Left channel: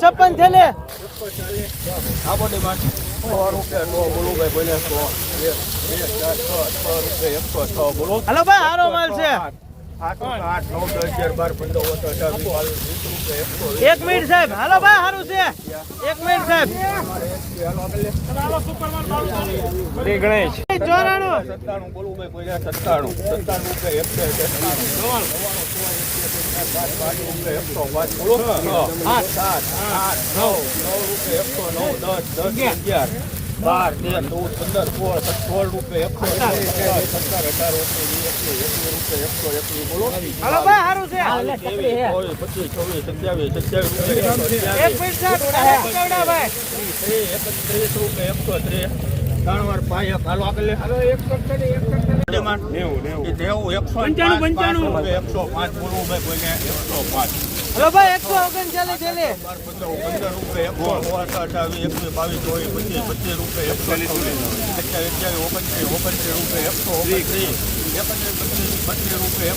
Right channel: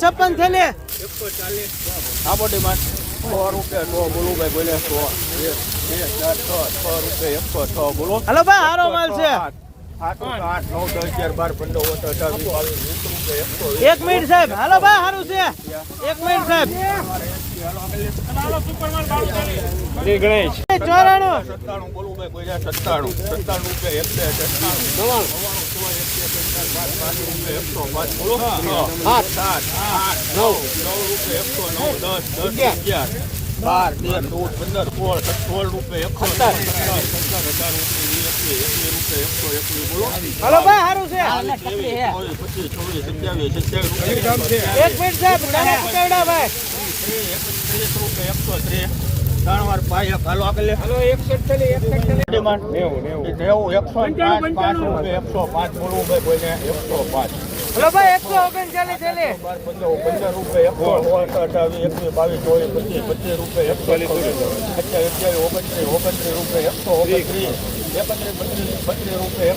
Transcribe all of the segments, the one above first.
56 થેલી આ બોડી માં 100 રૂપિયા નો બોલું ભાઈ બોલે 100 1 2 4 6 રૂપિયા 106 બોલો. હાલો ભાઈ હારો માલ છે. 8 8 9 10 11 12 15 18 એક મિનિટ સાહેબ. હાલો ભાઈ હારું છે. એક મિનિટ સાહેબ. ગણેશ 94 બોલું ભાઈ બોલે 97 રૂપિયા હાલો ભાઈ હારું છે. એક મિનિટ સાહેબ. પકવડા ભાઈ હલો ભાઈ 139 થેલી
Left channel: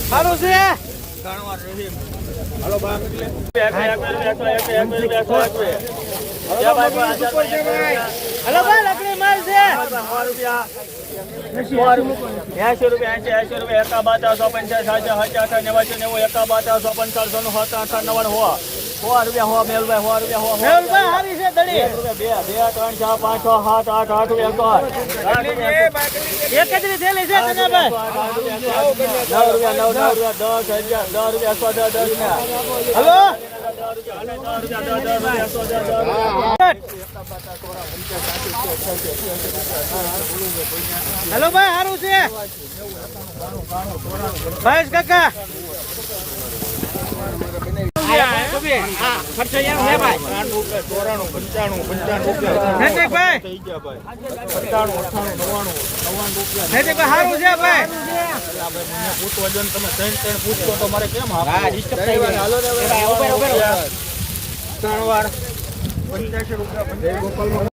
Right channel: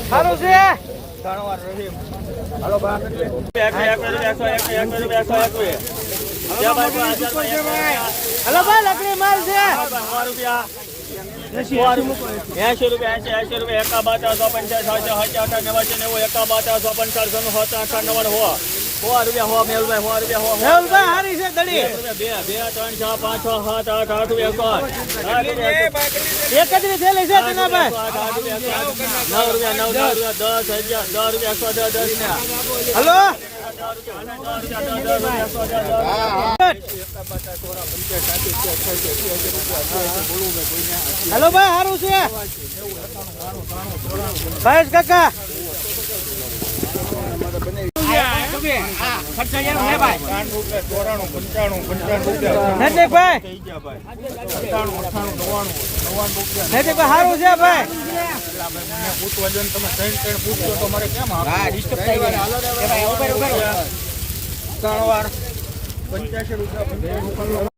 સારું છે. હલો હલો ભાઈ લકડી માલ છે. 80 રૂપિયા 80 રૂપિયા 51 મેહુલભાઈ હારી છે દડી. 31 થેલી છે તનાભાઈ. હલો હેલો ભાઈ સારું છે. ભાઈ કાકા નજીકભાઈ સારું છે ભાઈ. ₹85